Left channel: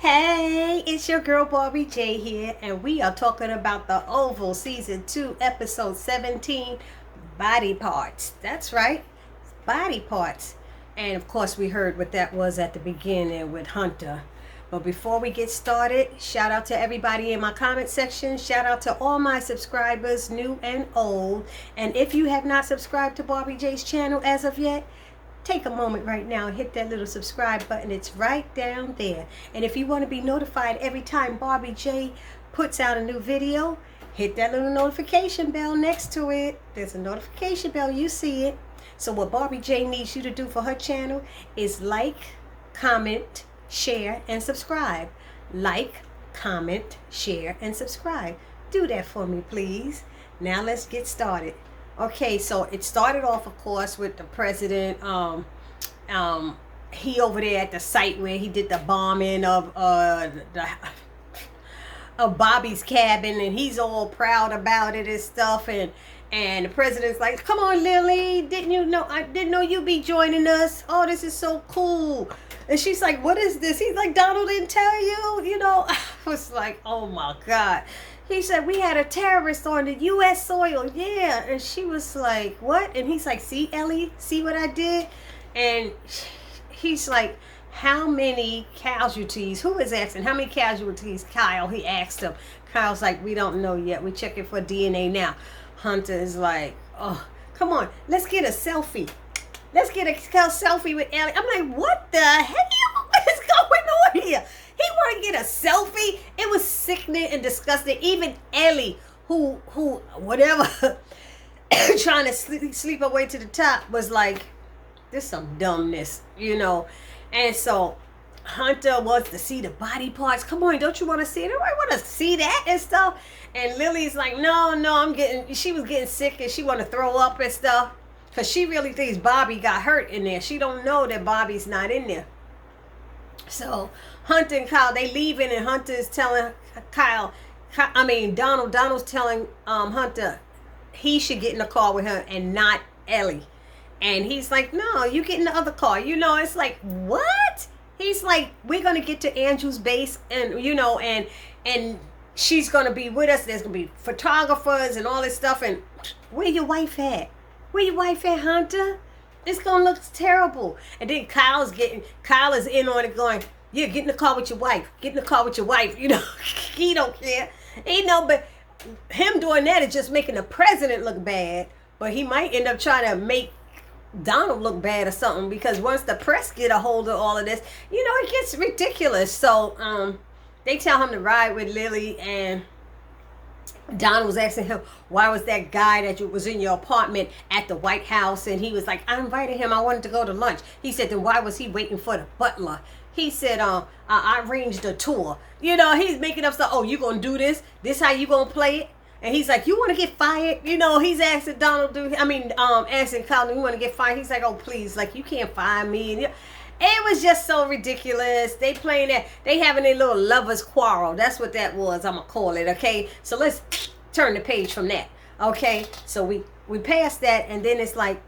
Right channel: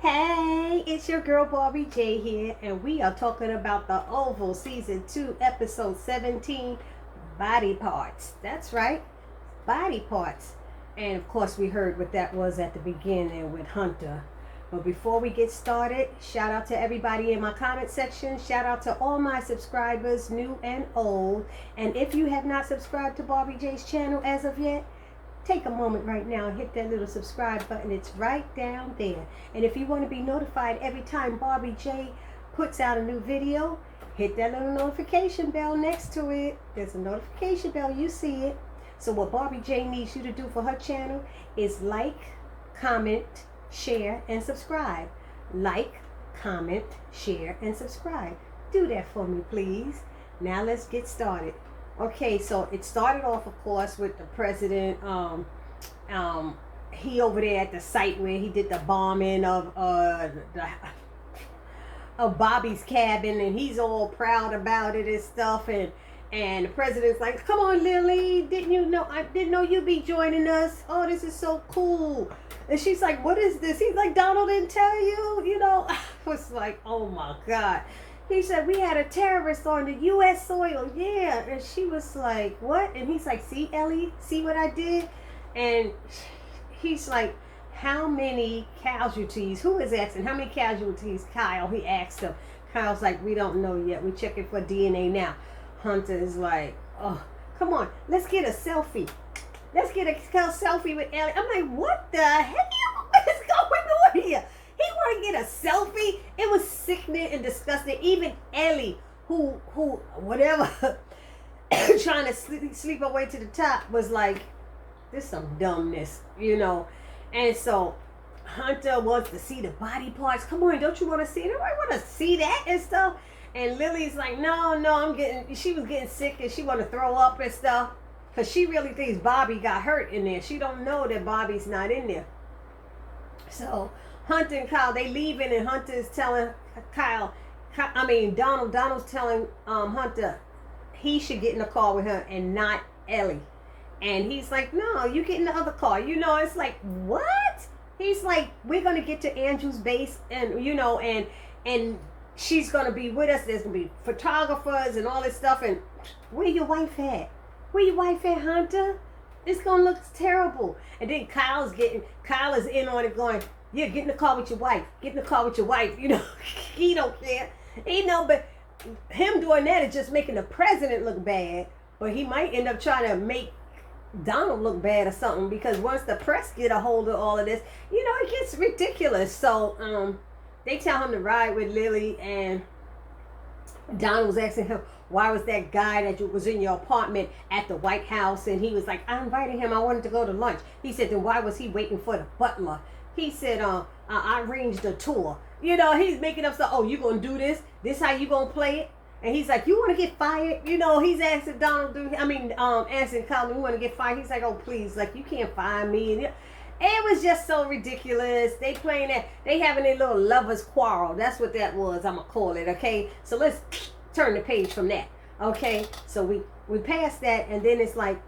Hey, it's your girl Barbie J here, and we are talking about the Oval Season 2, Episode 17, Body Parts. That's right, body parts. And of course, we heard what that was at the beginning with Hunter. But before we get started, shout out to everybody in my comment section. Shout out to all my subscribers, new and old. And if you have not subscribed to Barbie J's channel as of yet, take a moment right now and hit that little subscribe button. It's right down there. And if you want to be notified every time Barbie J puts out a new video, hit that little notification bell next to it. There's a notification bell, you see it. So what Barbie J needs you to do for her channel is like, comment, share, and subscribe. Like, comment, share, and subscribe. Do that for me, please. Now let's get started. Okay, so it started off, of course, with the president. He over there at the site where he did the bombing of Bobby's cabin, and he's all proud about it and stuff. And the president's like, "Come on, Lily, didn't you know? I didn't know you'd be joining us. Oh, this is so cool." And she's like, "What is this?" He's like, "Donald didn't tell you, you know." I was like, "Oh my God." He said, "We had a terrorist on the U.S. soil." Yeah. And she was like, "What?" And he's like, "See, Ellie, see what I did?" And he's like, "How many casualties?" Who is asking? "How many casualties, Kyle?" He asked him. Kyle's like, "We don't know yet. We're checking for DNA now." Hunter is like, "Oh, come on. Let's get a selfie. Let's get a selfie with Ellie." I'm like, "What the hell is going on here?" He want to get a selfie. It was sickening and disgusting. Even Ellie, who whatever, trying to sleep her way to the top, was like, "This is some dumbness, you know." And so Hunter wants to see the body parts. "Come on, don't you want to see it?" "I want to see that and stuff." And Lily's like, no, she was getting sick and she want to throw up and stuff. Because she really thinks Bobby got hurt in there. She don't know that Bobby's not in there. So Hunter and Kyle, they leaving, and Hunter is telling Donald's telling Hunter he should get in the car with her and not Ellie. And he's like, "No, you get in the other car." You know, it's like, what? He's like, "We're going to get to Andrew's base, and you know, and she's going to be with us. There's going to be photographers and all this stuff. And where your wife at? Where your wife at, Hunter? It's going to look terrible." And then Kyle is in on it going, "Yeah, get in the car with your wife. Get in the car with your wife." You know, he don't care. You know, but him doing that is just making the president look bad. But he might end up trying to make Donald look bad or something, because once the press get a hold of all of this, you know, it gets ridiculous. So they tell him to ride with Lily, and Donald was asking him, "Why was that guy that was in your apartment at the White House?" And he was like, "I invited him. I wanted to go to lunch." He said, "Then why was he waiting for the butler?" He said, I arranged a tour." You know, he's making up stuff. "Oh, you gonna do this? This how you gonna play it?" And he's like, "You want to get fired?" You know, he's asking asking Colin, "You want to get fired?" He's like, "Oh, please, like, you can't fire me." And it was just so ridiculous. They playing that. They having a little lovers quarrel. That's what that was. I'm gonna call it. Okay, so let's turn the page from that. Okay, so we passed that, and then it's like,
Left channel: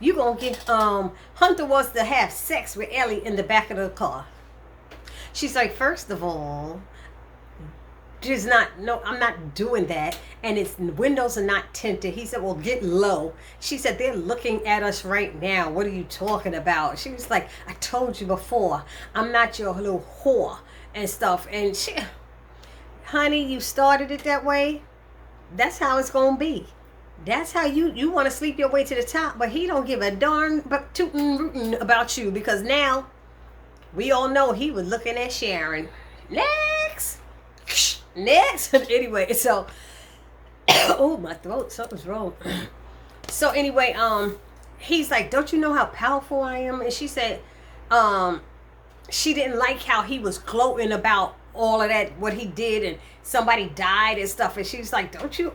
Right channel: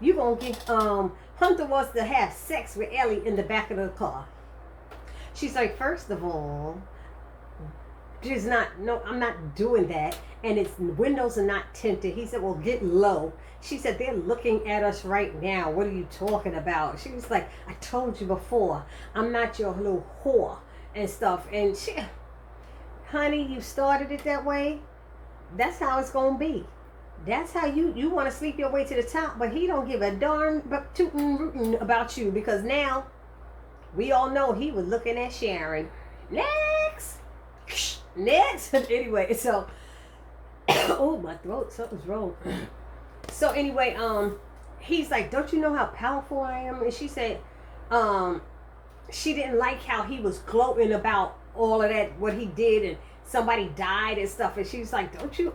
you gonna get Hunter wants to have sex with Ellie in the back of the car. She's like, "First of all, I'm not doing that, and its windows are not tinted." He said, "Well, get low." She said, "They're looking at us right now. What are you talking about?" She was like, "I told you before, I'm not your little whore and stuff." And she, "Honey, you started it that way. That's how it's gonna be. That's how you want to sleep your way to the top." But he don't give a darn but tootin' rootin' about you, because now we all know he was looking at Sharon. Next. Anyway, so oh, my throat, something's wrong. So anyway, he's like, "Don't you know how powerful I am?" And she said, she didn't like how he was gloating about all of that, what he did, and somebody died and stuff. And she's like, don't you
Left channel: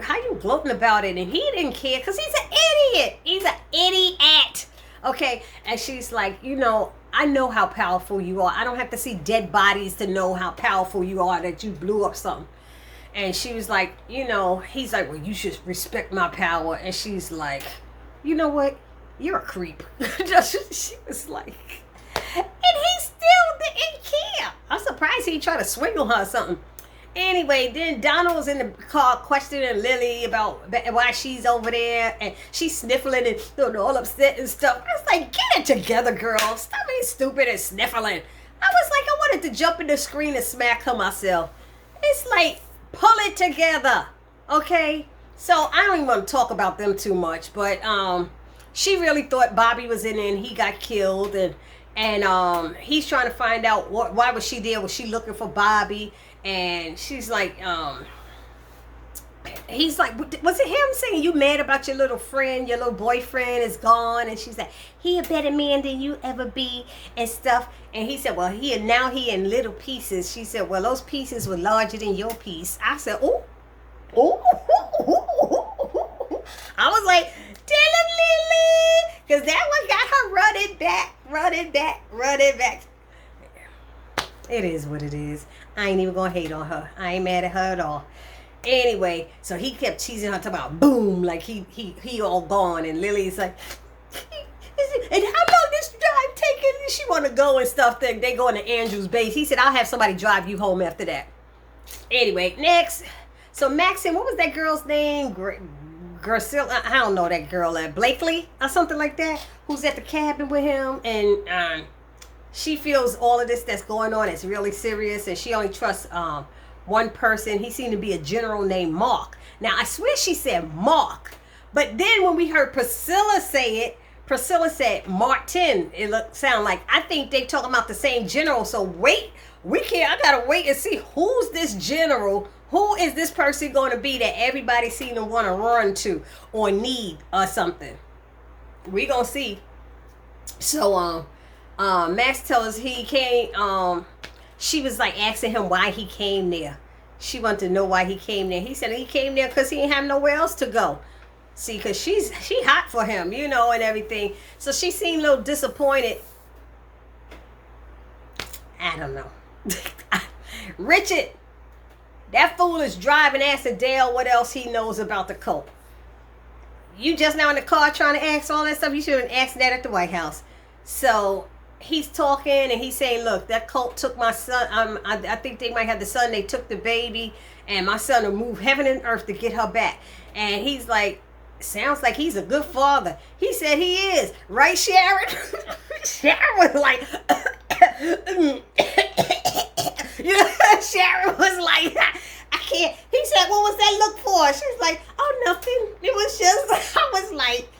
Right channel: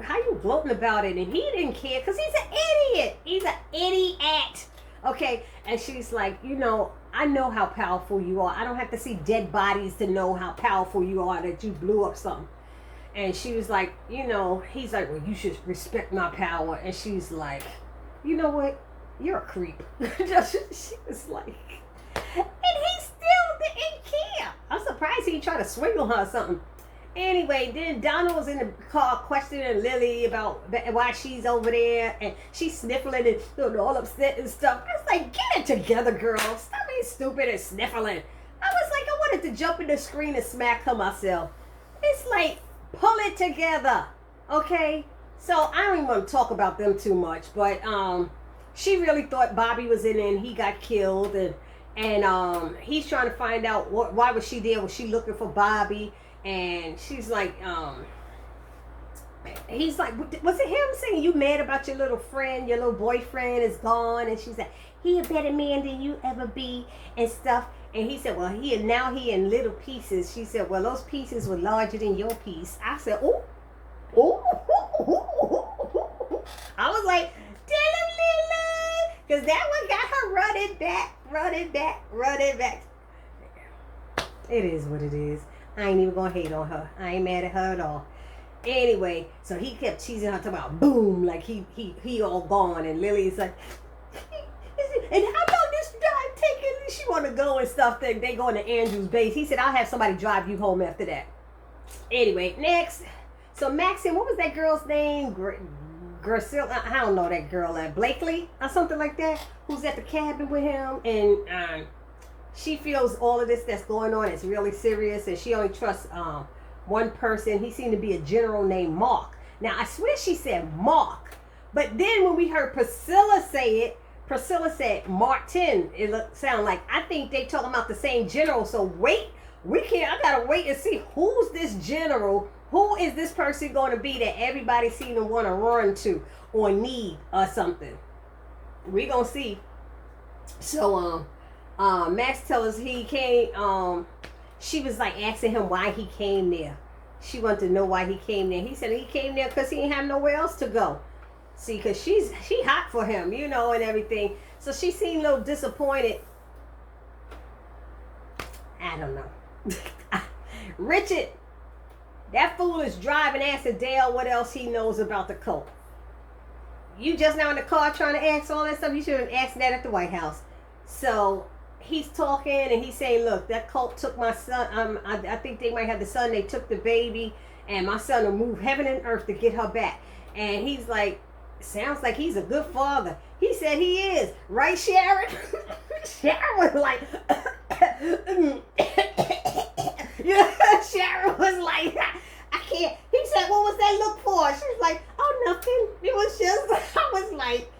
how you gloating about it? And he didn't care, because he's an idiot. He's an idiot. Okay. And she's like, "You know, I know how powerful you are. I don't have to see dead bodies to know how powerful you are, that you blew up something." And she was like, you know, he's like, "Well, you should respect my power." And she's like, "You know what? You're a creep." She was like, and he still didn't care. twice. He tried to swing on her or something. Anyway, then Donald was in the car questioning Lily about why she's over there, and she's sniffling and all upset and stuff. I was like, get it together, girl. Stop being stupid and sniffling. I was like, I wanted to jump in the screen and smack her myself. It's like, pull it together, okay? So I don't even want to talk about them too much, but she really thought Bobby was in it and he got killed, and he's trying to find out why was she there? Was she looking for Bobby? And she's like, he's like, was it him saying you mad about your little friend, your little boyfriend is gone? And she's like, he a better man than you ever be and stuff. And he said, well, he in little pieces. She said, well, those pieces were larger than your piece. I said, oh. I was like, tell him, Lily, because that one got her running back. It is what it is. I ain't even gonna hate on her. I ain't mad at her at all. Anyway, so he kept teasing her, talking about boom, like he all gone, and Lily's like, and how long this drive taking? And she want to go and stuff. They going to Andrew's base. He said, I'll have somebody drive you home after that. Anyway, next. So Maxine, what was that girl's name? Gracilla, I don't know that girl, Blakely or something like that, who's at the cabin with him, and she feels all of this that's going on is really serious, and she only trusts one person. He seemed to be a general named Mark. Now, I swear she said Mark, but then when we heard Priscilla say it, Priscilla said Martin. It sound like, I think they talking about the same general. So wait, I gotta wait and see who's this general. Who is this person going to be that everybody seem to want to run to or need or something? We gonna see. So Max tells us he came. She was like asking him why he came there. She wanted to know why he came there. He said he came there because he didn't have nowhere else to go. See, because she hot for him, you know, and everything. So she seemed a little disappointed. I don't know. Richard, that fool is driving, asking Dale what else he knows about the cult. You just now in the car trying to ask all that stuff. You should have asked that at the White House. So he's talking and he's saying, look, that cult took my son. I think they might have the son. They took the baby, and my son will move heaven and earth to get her back. And he's like, sounds like he's a good father. He said he is. Right, Sharon? Sharon was like, Sharon was like, I can't. He said, what was that look for? She was like, oh, nothing. It was just, I was like,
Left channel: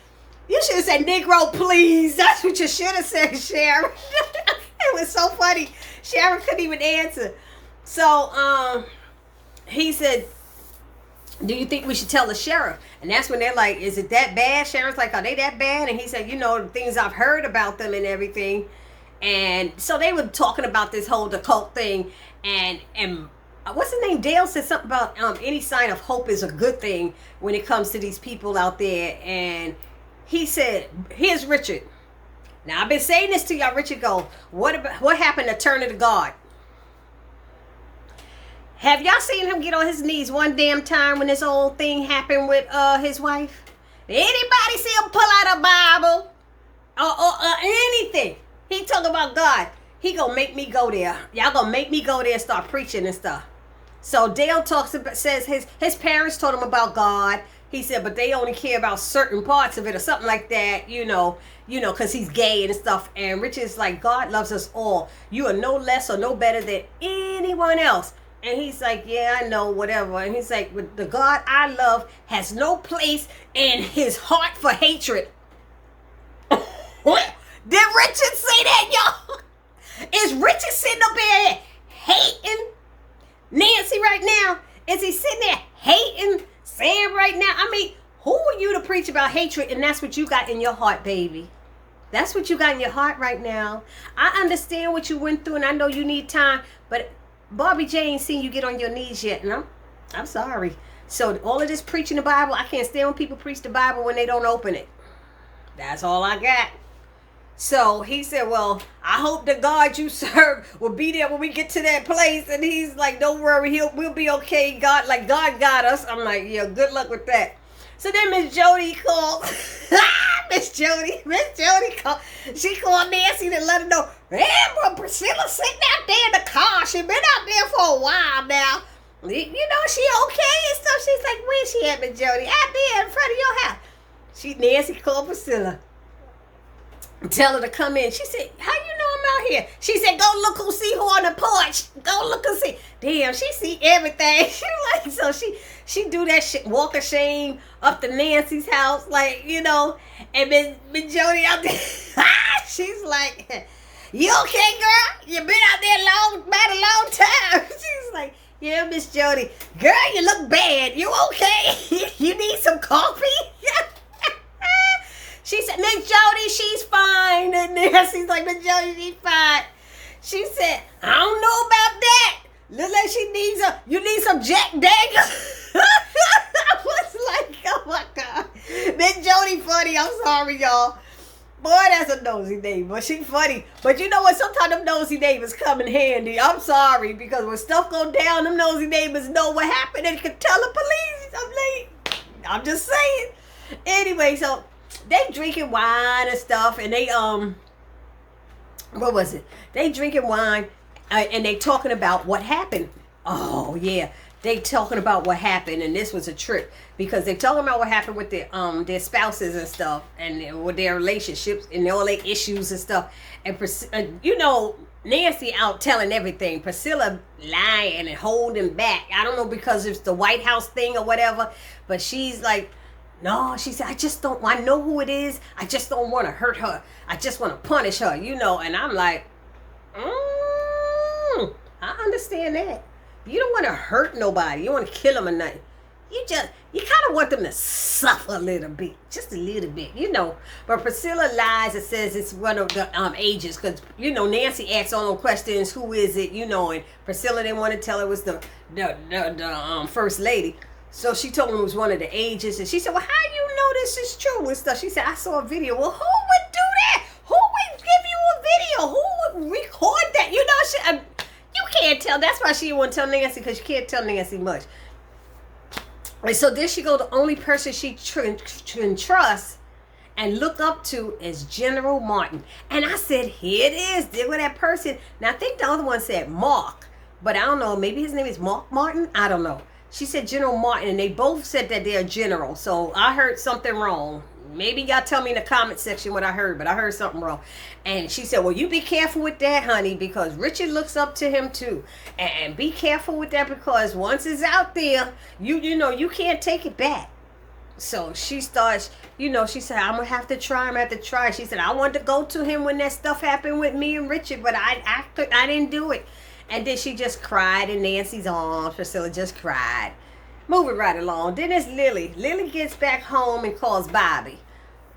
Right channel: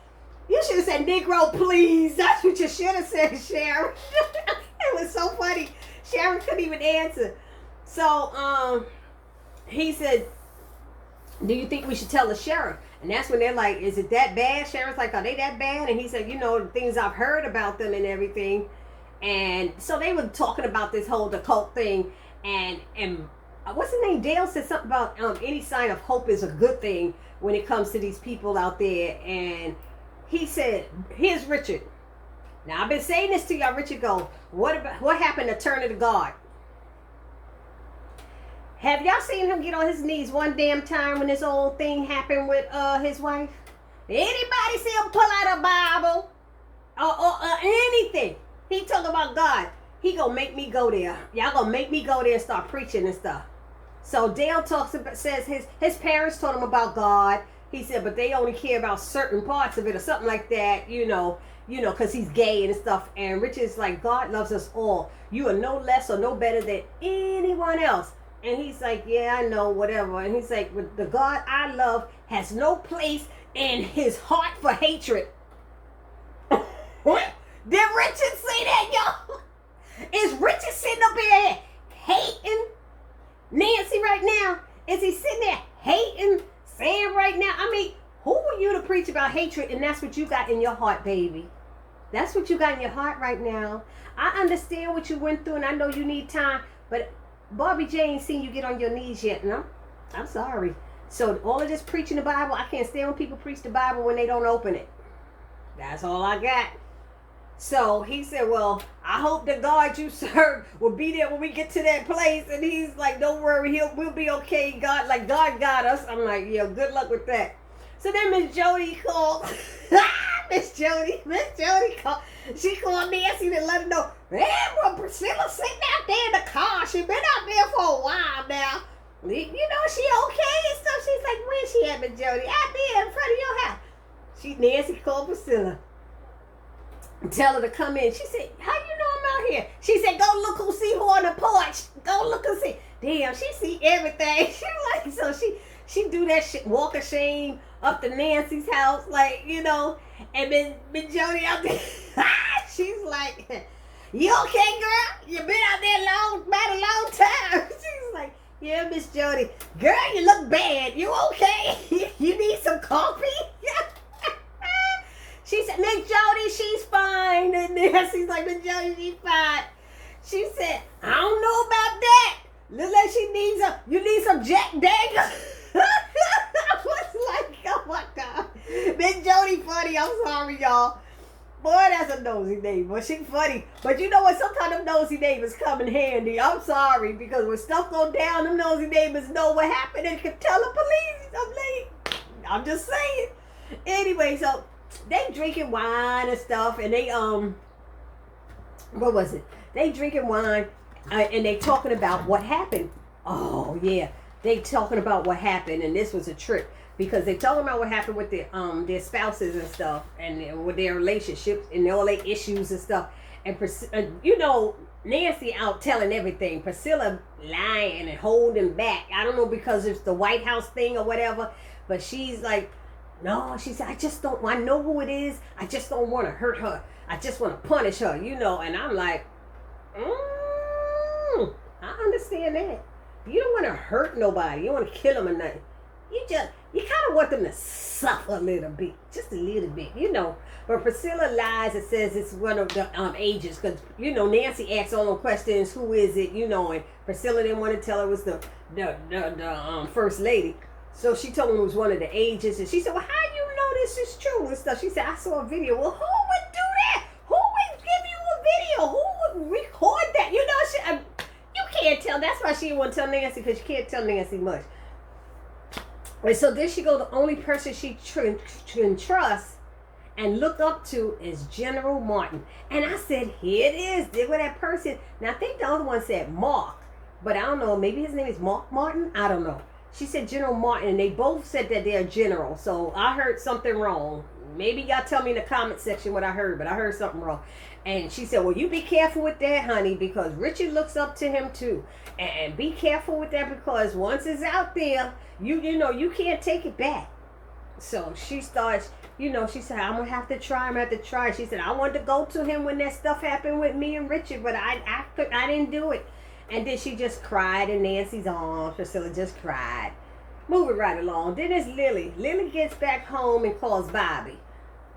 you should have said, Negro, please. That's what you should have said, Sharon. It was so funny. Sharon couldn't even answer. So, he said, do you think we should tell the sheriff? And that's when they're like, is it that bad? Sharon's like, are they that bad? And he said, you know, the things I've heard about them and everything. And so they were talking about this whole occult thing. And what's his name? Dale said something about any sign of hope is a good thing when it comes to these people out there. And he said, here's Richard. Now, I've been saying this to y'all. Richard go, what happened to Turner to God? Have y'all seen him get on his knees one damn time when this old thing happened with his wife? Anybody see him pull out a Bible or anything? He talk about God. He gonna make me go there. Y'all gonna make me go there and start preaching and stuff. So Dale says his parents told him about God. He said, but they only care about certain parts of it or something like that, you know, because he's gay and stuff. And Richard's like, God loves us all. You are no less or no better than anyone else. And he's like, yeah, I know, whatever. And he's like, but the God I love has no place in his heart for hatred. Did Richard say that, y'all? Is Richard sitting up there hating Nancy right now? Is he sitting there hating Sam right now? I mean, who are you to preach about hatred? And that's what you got in your heart, baby. That's what you got in your heart right now. I understand what you went through, and I know you need time, but Barbie Jane seen you get on your knees yet, and I'm sorry. So all of this preaching the Bible, I can't stand when people preach the Bible when they don't open it. That's all I got. So he said, well, I hope the God you serve will be there when we get to that place. And he's like, don't worry, we'll be okay. God got us. I'm like, yeah, good luck with that. So then Miss Jody called. Miss Jody called. She called Nancy to let her know, hey, well, Priscilla's sitting out there in the car. She been out there for a while now. You know, she okay and stuff. She's like, where she at, Miss Jody? Out there in front of your house. Nancy called Priscilla. Tell her to come in. She said, how you know I'm out here? She said, go look who see who on the porch. Go look and see. Damn, she see everything. She like, so she do that shit, walk of shame up to Nancy's house, like, you know, and then Jody out there, she's like, you okay, girl? You been out there about a long time. She's like, yeah, Miss Jody. Girl, you look bad. You okay? You need some coffee? She said, Miss Jody, she's fine. And Nancy's like, Miss Jody, she's fine. She said, I don't know about that. Look like you need some Jack Daniels. I was like, oh my God. Miss Jody funny. I'm sorry, y'all. Boy, that's a nosy neighbor. She funny. But you know what? Sometimes them nosy neighbors come in handy. I'm sorry. Because when stuff go down, them nosy neighbors know what happened and can tell the police. I'm just saying. Anyway, so they drinking wine and stuff, and they what was it? They drinking wine, and they talking about what happened. Oh yeah, they talking about what happened, and this was a trip because they talking about what happened with their spouses and stuff, and with their relationships and all their issues and stuff. And you know, Nancy out telling everything. Priscilla lying and holding back. I don't know because it's the White House thing or whatever, but she's like, no, she said, I know who it is. I just don't want to hurt her. I just want to punish her, you know. And I'm like, I understand that. You don't want to hurt nobody. You don't want to kill them or nothing. You kind of want them to suffer a little bit. Just a little bit, you know. But Priscilla lies and says it's one of the agents. Because, you know, Nancy asks all the questions, who is it, you know. And Priscilla didn't want to tell her it was the first lady. So she told him it was one of the agents, and she said, well, how you know this is true and stuff? She said, I saw a video. Well, who would do that? Who would give you a video? Who would record that? You know, you can't tell. That's why she didn't want to tell Nancy, because you can't tell Nancy much. And so there she go, the only person she can trust and look up to is General Martin. And I said, here it is. There with that person. Now, I think the other one said Mark, but I don't know. Maybe his name is Mark Martin. I don't know. She said General Martin, and they both said that they're general. So I heard something wrong. Maybe y'all tell me in the comment section what I heard, but I heard something wrong. And she said, well, you be careful with that, honey, because Richard looks up to him too. And be careful with that, because once it's out there, you know, you can't take it back. So she starts, you know, she said, I'm going to have to try. She said, I wanted to go to him when that stuff happened with me and Richard, but I didn't do it. And then she just cried in Nancy's arms. Priscilla just cried. Moving right along. Then it's Lily. Lily gets back home and calls Bobby.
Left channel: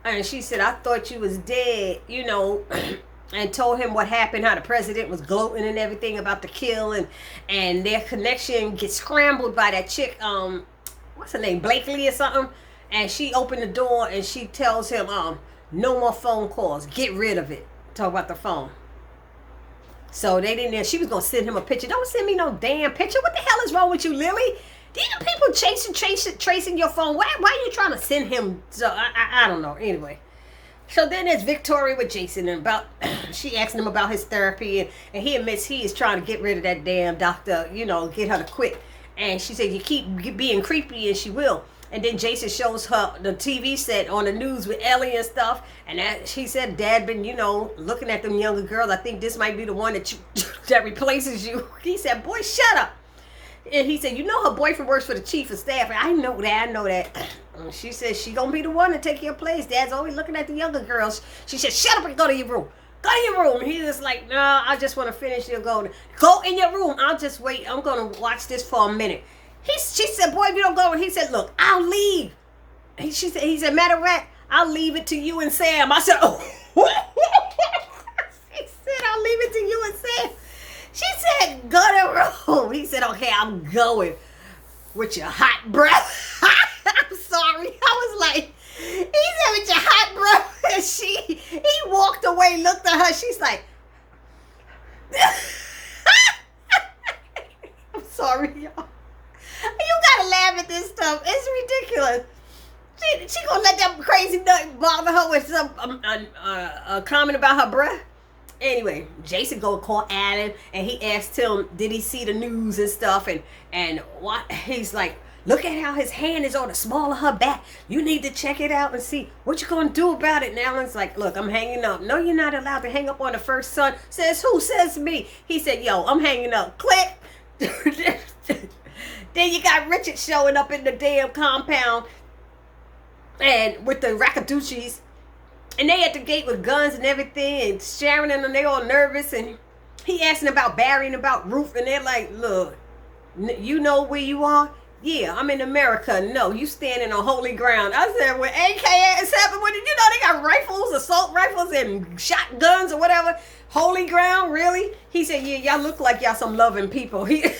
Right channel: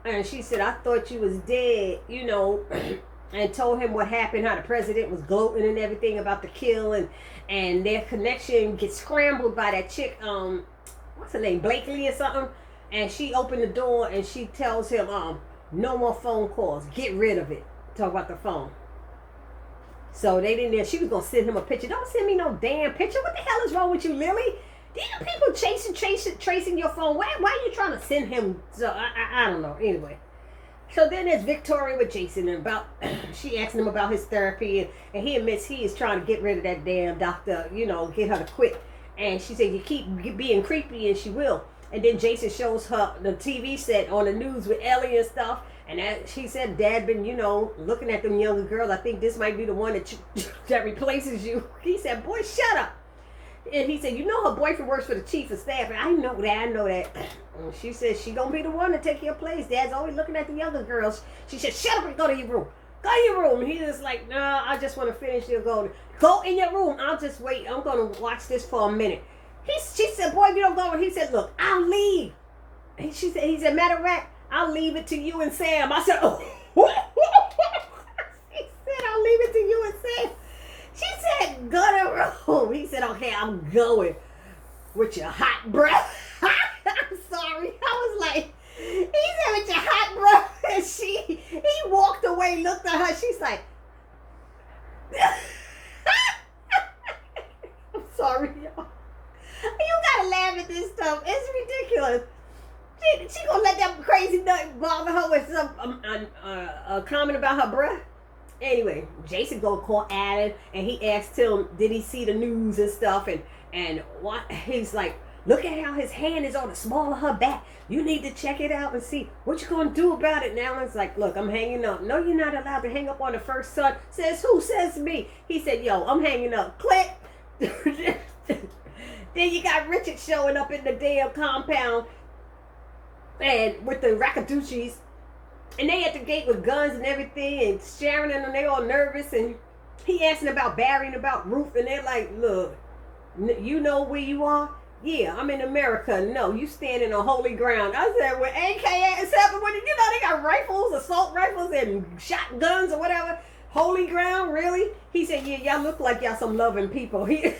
And she said, I thought you was dead, you know, and told him what happened, how the president was gloating and everything about the kill. And their connection gets scrambled by that chick, what's her name, Blakely or something. And she opened the door and she tells him, no more phone calls. Get rid of it. Talk about the phone. So they didn't. She was gonna send him a picture. Don't send me no damn picture. What the hell is wrong with you, Lily? These are people tracing your phone. Why are you trying to send him? So I don't know. Anyway, so then there's Victoria with Jason and she asked him about his therapy, and he admits he is trying to get rid of that damn doctor. You know, get her to quit. And she said, you keep being creepy, and she will. And then Jason shows her the TV set on the news with Ellie and stuff. And she said, Dad been, you know, looking at them younger girls. I think this might be the one that replaces you. He said, boy, shut up. And he said, you know her boyfriend works for the chief of staff. And I know that. And she said, she gonna be the one to take your place. Dad's always looking at the younger girls. She said, shut up and go to your room. Go to your room. And he was like, no, I just want to finish your go in your room. I'll just wait. I'm going to watch this for a minute. She said, boy, if you don't go. He said, look, I'll leave. He said, matter of fact, I'll leave it to you and Sam. I said, oh. He said, I'll leave it to you and Sam. She said, go to the room. He said, okay, I'm going with your hot breath. I'm sorry. I was like, he said, with your hot breath. And he walked away, looked at her. She's like, I'm sorry, y'all. You gotta laugh at this stuff. It's ridiculous. She gonna let that crazy nut bother her with some comment about her breath. Anyway, Jason go call Adam, and he asked him, did he see the news and stuff, and what he's like, look at how his hand is on the small of her back. You need to check it out and see what you're gonna do about it. And Alan's like, look, I'm hanging up. No, you're not allowed to hang up on the first son. Says who? Says me. He said, yo, I'm hanging up. Click. Then you got Richard showing up in the damn compound, and with the Rackaduchis, and they at the gate with guns and everything, and Sharon and them, they all nervous, and he asking about Barry and about Ruth, and they're like, look, you know where you are? Yeah, I'm in America. No, you standing on holy ground. I said, when AK is happening, when you know they got rifles, assault rifles, and shotguns or whatever. Holy ground, really? He said, yeah, y'all look like y'all some loving people. He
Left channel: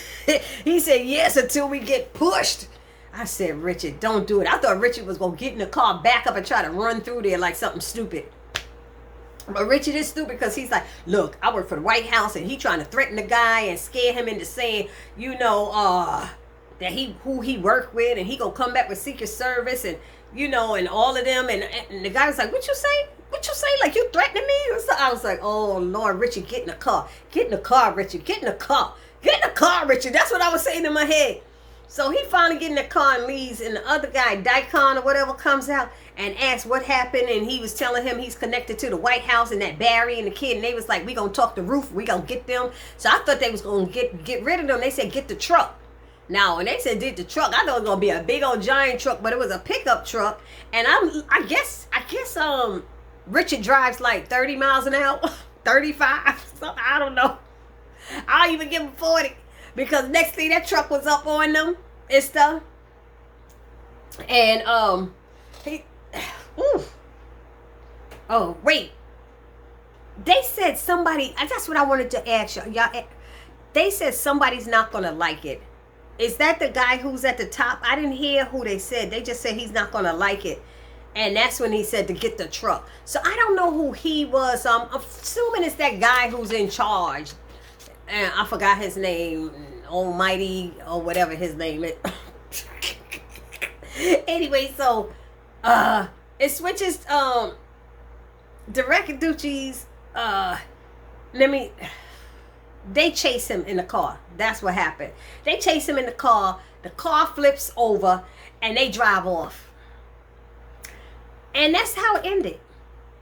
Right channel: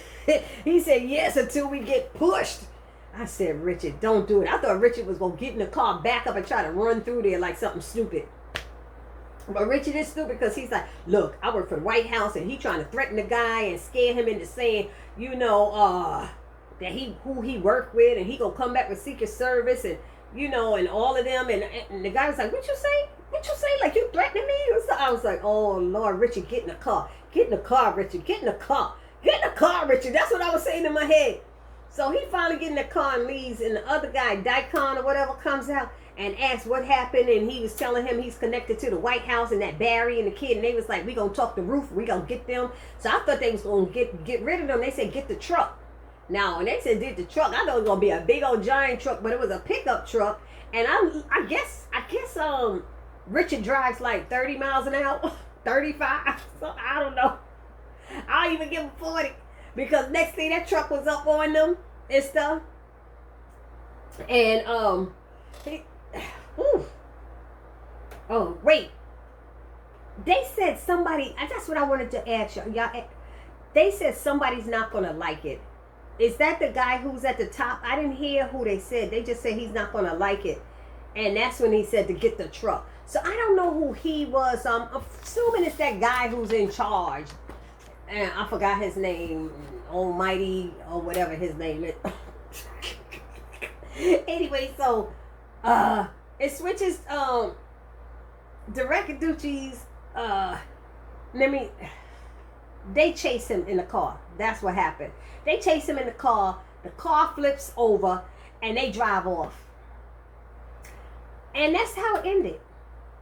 said, yes, until we get pushed. I said, Richard, don't do it. I thought Richard was going to get in the car, back up, and try to run through there like something stupid. But Richard is stupid because he's like, look, I work for the White House, and he trying to threaten the guy and scare him into saying, you know, that who he worked with, and he gonna come back with Secret Service, and you know, and all of them, and the guy was like, what you say? What you say? Like, you threatening me? I was like, oh Lord, Richard, get in the car. Get in the car, Richard. Get in the car. Get in the car, Richard. That's what I was saying in my head. So he finally get in the car and leaves, and the other guy, Daikon or whatever, comes out and asks what happened, and he was telling him he's connected to the White House and that Barry and the kid, and they was like, we gonna talk to Ruth, we gonna get them. So I thought they was gonna get rid of them. They said, get the truck. Now, when they said did the truck, I thought it was gonna be a big old giant truck, but it was a pickup truck. And I guess Richard drives like 30 miles an hour, 35, so I don't know. I'll even give him 40, because next thing that truck was up on them and stuff. And oh wait, they said somebody. That's what I wanted to ask y'all. They said somebody's not gonna like it. Is that the guy who's at the top? I didn't hear who they said. They just said he's not going to like it. And that's when he said to get the truck. So I don't know who he was. I'm assuming it's that guy who's in charge. And I forgot his name. Almighty or whatever his name is. Anyway, so it switches the Rackaduchis. They chase him in the car. That's what happened. They chase him in the car flips over, and they drive off. And that's how it ended.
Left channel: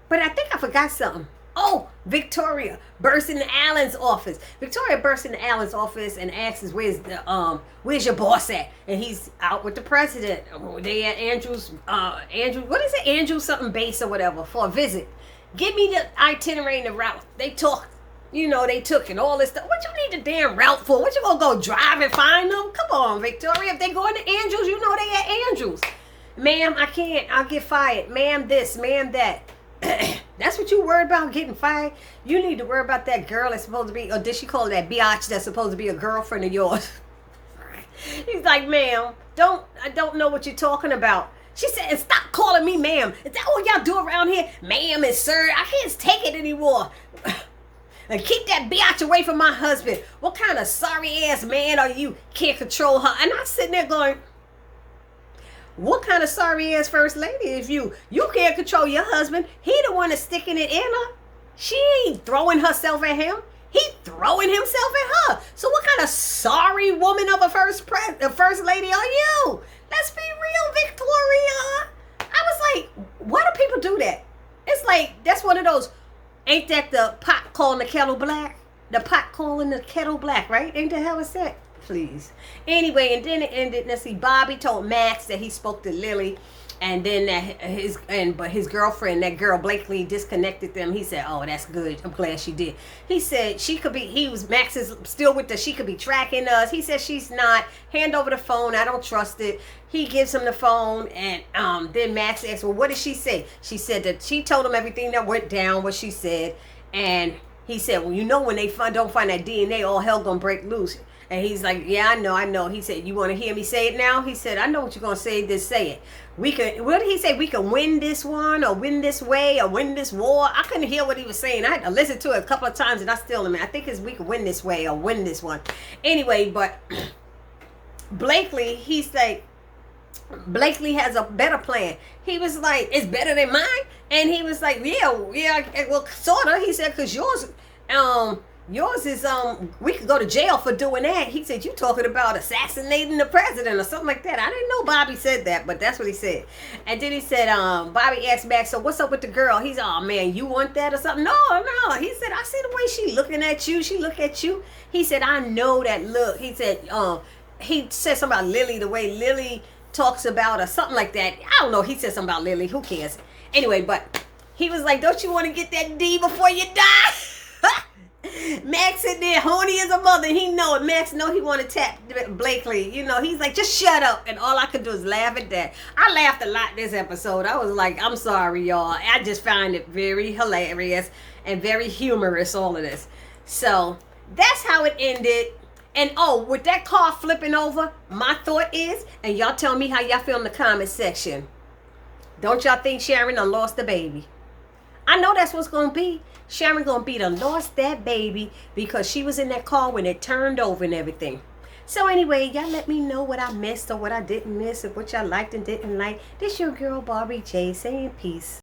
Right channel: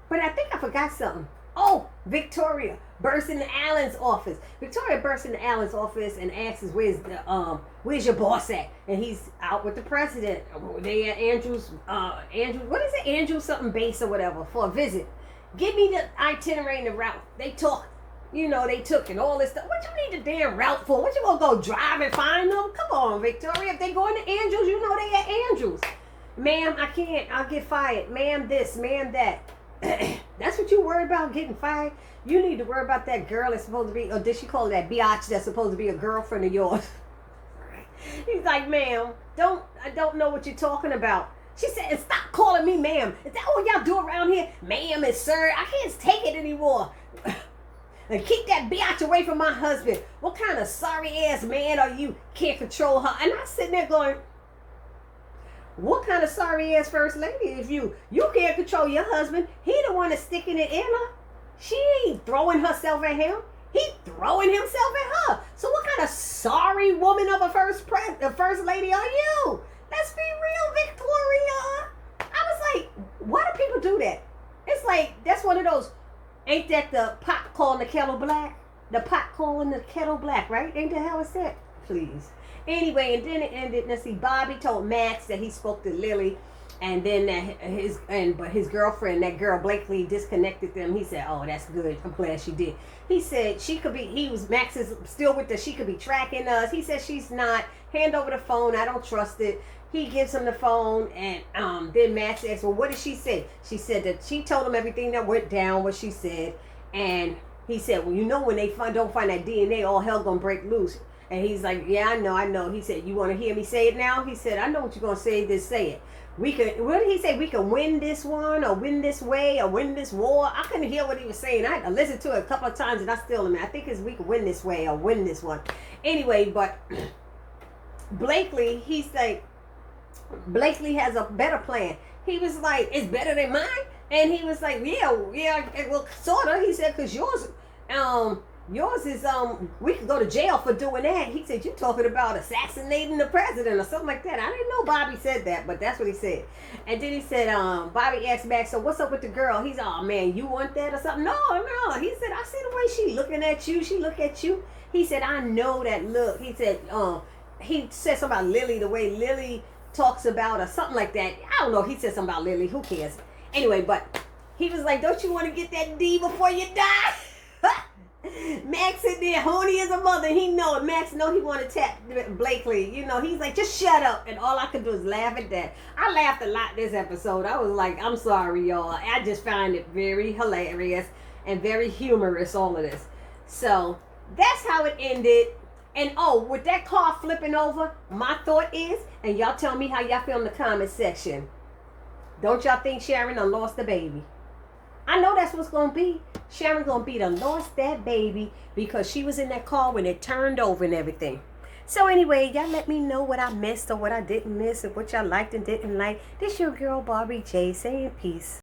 But I think I forgot something. Oh, Victoria bursts into Alan's office. Victoria bursts into Alan's office and asks, where's your boss at? And he's out with the president. They at Andrew, what is it? Andrew something base or whatever for a visit. Give me the itinerary and the route. They talk. You know, they took and all this stuff. What you need the damn route for? What you gonna go drive and find them? Come on, Victoria. If they going to Andrews, you know they at Andrews. Ma'am, I can't. I'll get fired. Ma'am this, ma'am that. That's what you worried about, getting fired? You need to worry about that girl that's supposed to be, or did she call it that biatch that's supposed to be a girlfriend of yours? He's like, ma'am, I don't know what you're talking about. She said, and stop calling me ma'am. Is that all y'all do around here? Ma'am and sir, I can't take it anymore. And keep that biatch away from my husband. What kind of sorry ass man are you? Can't control her. And I'm sitting there going, what kind of sorry ass first lady is you? You can't control your husband. He the one that's sticking it in her. She ain't throwing herself at him. He throwing himself at her. So what kind of sorry woman of a first lady are you? Let's be real, Victoria. I was like, why do people do that? It's like, that's one of those, ain't that the pot calling the kettle black? The pot calling the kettle black, right? Ain't that how it's said? Please. Anyway, and then it ended. Let's see. Bobby told Max that he spoke to Lily, and then that but his girlfriend, that girl Blakely, disconnected them. He said, "Oh, that's good. I'm glad she did." He said she could be. Max is still with us. She could be tracking us. He said she's not. Hand over the phone. I don't trust it. He gives him the phone, and then Max asks, "Well, what did she say?" She said that she told him everything that went down, what she said, and he said, "Well, you know, when they don't find that DNA, all hell gonna break loose." And he's like, yeah, I know. He said, you want to hear me say it now? He said, I know what you're going to say. Just say it. What did he say? We can win this one, or win this way, or win this war. I couldn't hear what he was saying. I had to listen to it a couple of times, and I still am. I think it's we can win this way, or win this one. Anyway, but Blakely, he's like, Blakely has a better plan. He was like, it's better than mine. And he was like, yeah, well, sort of. He said, because yours, Yours is we could go to jail for doing that. He said, you talking about assassinating the president or something like that. I didn't know Bobby said that, but that's what he said. And then he said, Bobby asked back, so what's up with the girl? He's, oh man, you want that or something? No. He said, I see the way she looking at you. She look at you. He said, I know that look. He said something about Lily, the way Lily talks about or something like that. I don't know. He said something about Lily. Who cares? Anyway, but he was like, don't you want to get that D before you die? Max sitting there horny as a mother. He know it. Max know he want to tap Blakely. You know, he's like, just shut up. And all I could do is laugh at that. I laughed a lot this episode. I was like, I'm sorry, y'all. I just find it very hilarious and very humorous, all of this. So that's how it ended. And with that car flipping over, my thought is, and y'all tell me how y'all feel in the comment section. Don't y'all think Sharon done lost the baby? I know that's what's going to be. Sharon going to be done lost that baby because she was in that car when it turned over and everything. So anyway, y'all let me know what I missed or what I didn't miss, or what y'all liked and didn't like. This your girl Barbie J saying peace.